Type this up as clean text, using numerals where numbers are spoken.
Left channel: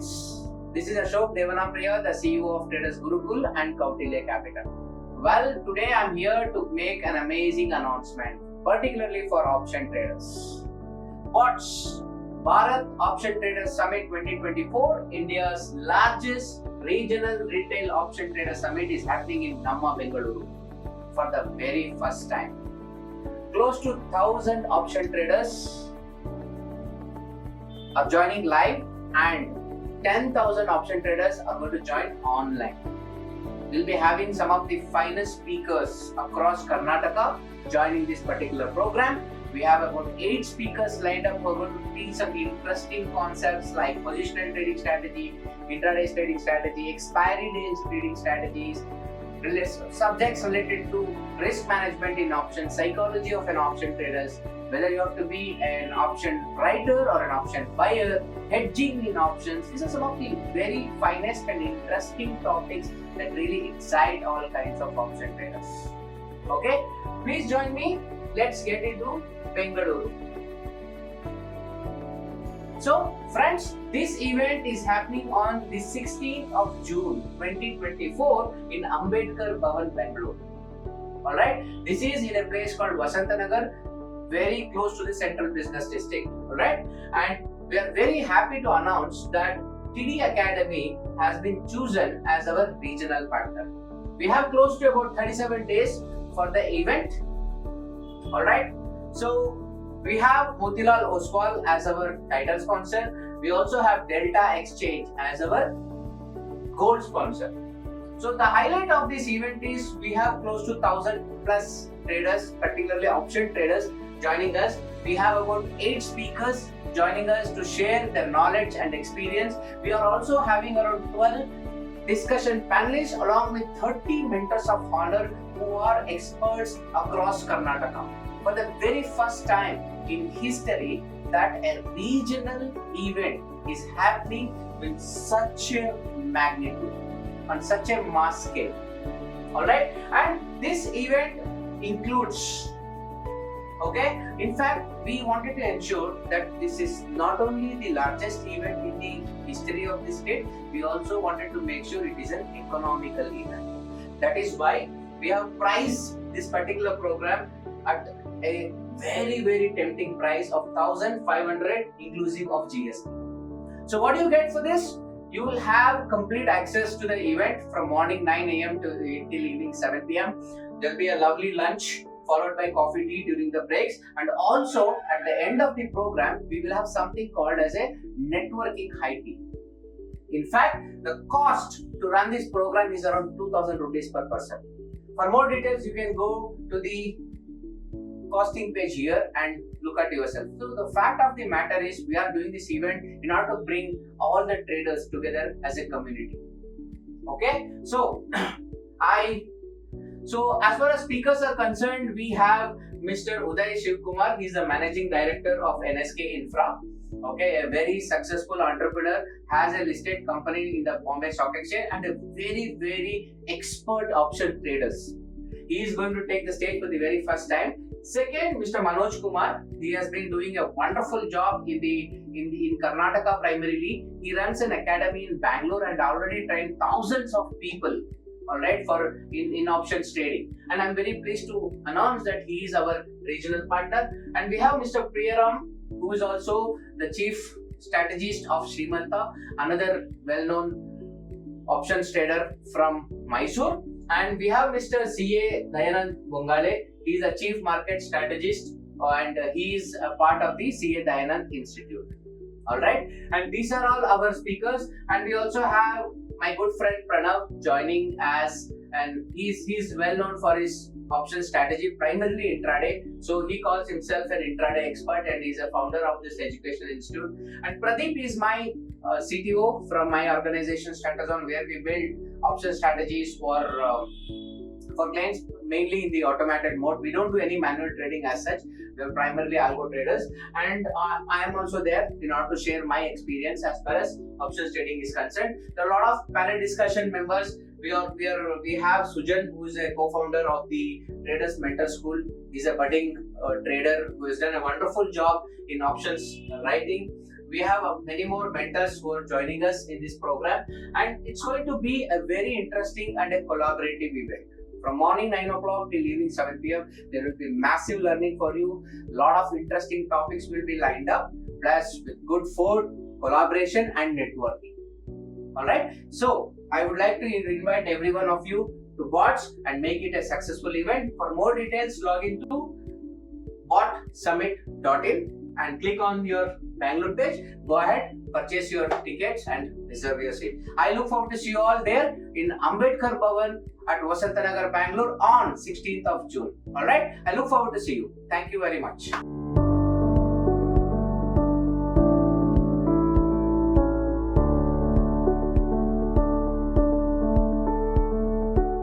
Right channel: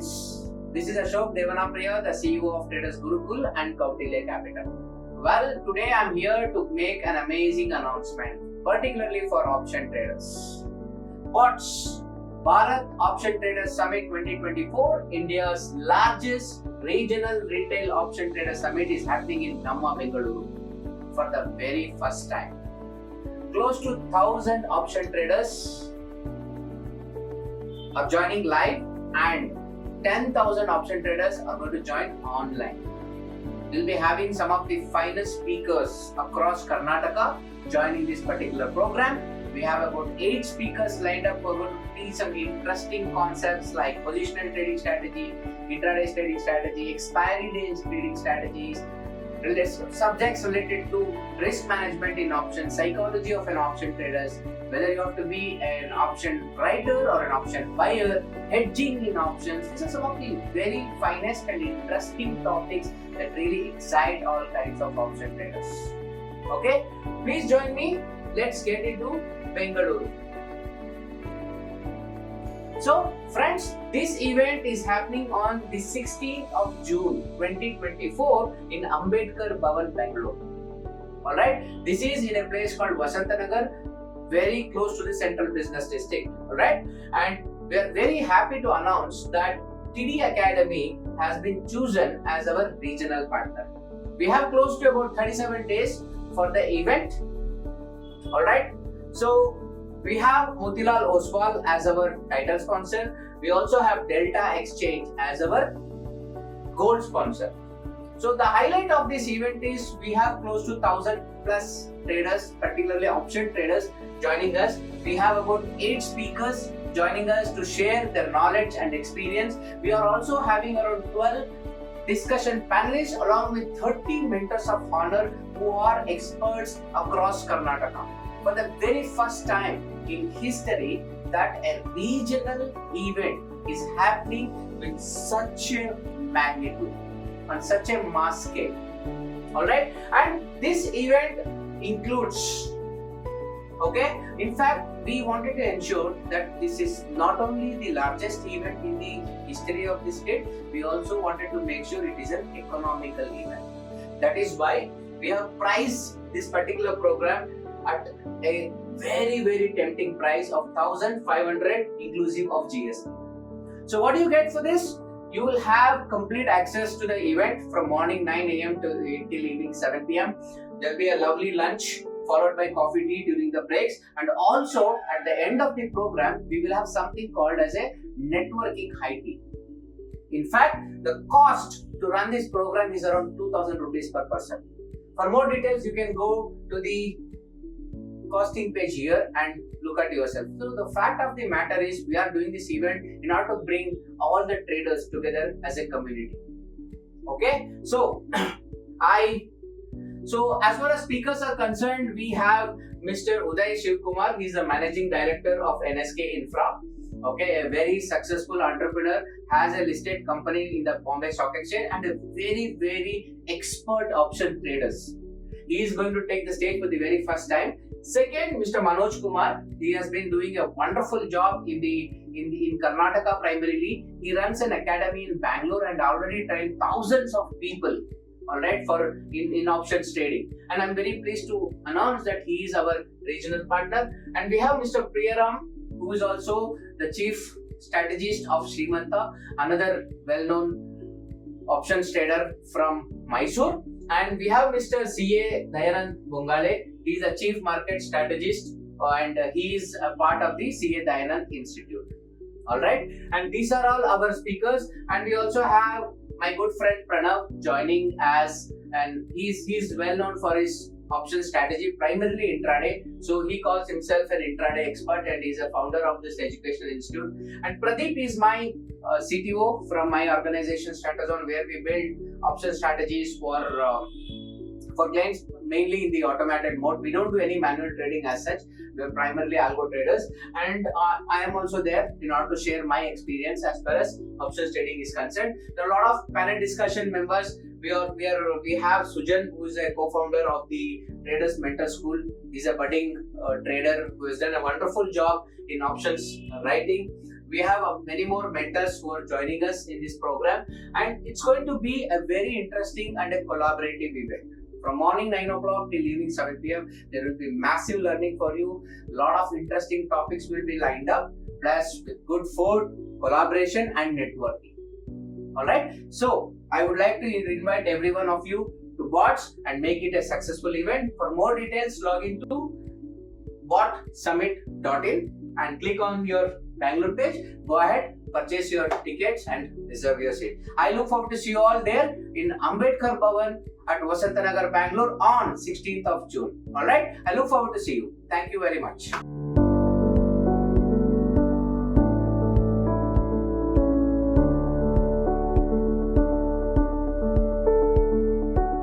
friends, this is Ashok Devanapriya, the CEO of Traders Gurukul and Capital. Well, today I'm here to make an amazing announcement, particularly for option traders. What's Bharat Option Traders Summit 2024, India's largest regional retail option trader summit, is happening in Bengaluru for the very first time. Close to 1,000 option traders are joining live and 10,000 option traders are going to join online. We'll be having some of the finest speakers across Karnataka joining this particular program. We have about 8 speakers lined up who are going to teach some interesting concepts like positional trading strategy, intraday trading strategy, expiry days trading strategies, subjects related to risk management in options, psychology of an option traders, whether you have to be an option writer or an option buyer, hedging in options. These are some of the very finest and interesting topics that really excite all kinds of option traders. Okay, please join me. Let's get into Bengaluru. So friends, this event is happening on the 16th of June 2024 in Ambedkar Bhavan, Bangalore. Alright, this is in a place called Vasantanagar, very close to the central business district. Alright, and we are very happy to announce that TIDI Academy has been chosen as our regional partner. We have close to about 37 days for the event. Alright, so we have Motilal Oswal as our title sponsor. We also have DeltaExchange as our gold sponsor. So the highlight of this event is we have close to 1,000 plus traders, particularly option traders, joining us. We have about 8 speakers joining us to share their knowledge and experience. We are also having around 12 discussion panelists along with 30 mentors of honor who are experts across Karnataka. For the very first time in history that a regional event is happening with such a magnitude, on such a mass scale. Alright, and this event includes, okay, in fact we wanted to ensure that this is not only the largest event in the history of the state, we also wanted to make sure it is an economical event. That is why we have priced this particular program at a very tempting price of 1,500 inclusive of GST. So what do you get for this? You will have complete access to the event from morning 9 a.m. till evening 7 p.m. There will be a lovely lunch followed by coffee tea during the breaks, and also at the end of the program we will have something called as a networking high tea. In fact, the cost to run this program is around 2,000 rupees per person. For more details, you can go to the costing page here and look at yourself. So the fact of the matter is we are doing this event in order to bring all the traders together as a community. Okay, so as far as speakers are concerned, we have Mr. Uday Shivkumar. He is the managing director of NSK Infra. Okay, a very successful entrepreneur, has a listed company in the Bombay Stock Exchange and a very expert option traders. He is going to take the stage for the very first time. Second, Mr. Manoj Kumar. He has been doing a wonderful job in Karnataka primarily. He runs an academy in Bangalore and already trained thousands of people, alright, for in options trading. And I'm very pleased to announce that he is our regional partner. And we have Mr. Priyaram, who is also the chief strategist of Srimanta, another well-known options trader from Mysore. And we have Mr. C.A. Dayanand Bongale. He is a chief market strategist and he is a part of the C.A. Dayanand Institute. Alright, and these are all our speakers. And we also have my good friend Pranav joining as, and he's well known for his option strategy, primarily intraday. So he calls himself an intraday expert and he's a founder of this educational institute. And Pradeep is my CTO from my organization Stratazone, where we build option strategies for clients mainly in the automated mode. We don't do any manual trading as such. We are primarily algo traders, and I am also there in order to share my experience as far as options trading is concerned. There are a lot of panel discussion members. We have Sujan, who is a co-founder of the Traders Mentor School. He's a budding trader who has done a wonderful job in options writing. We have many more mentors who are joining us in this program, and it's going to be a very interesting and a collaborative event. From morning 9 o'clock till evening 7 p.m., there will be massive learning for you. Lot of interesting topics will be lined up, plus with good food, collaboration, and networking. Alright, so I would like to invite every one of you to watch and make it a successful event. For more details, log into botsummit.in and click on your Bangalore page. Go ahead, purchase your tickets and reserve your seat. I look forward to see you all there in Ambedkar Bhavan at Vasantanagar, Bangalore on 16th of June. Alright, I look forward to see you. Thank you very much.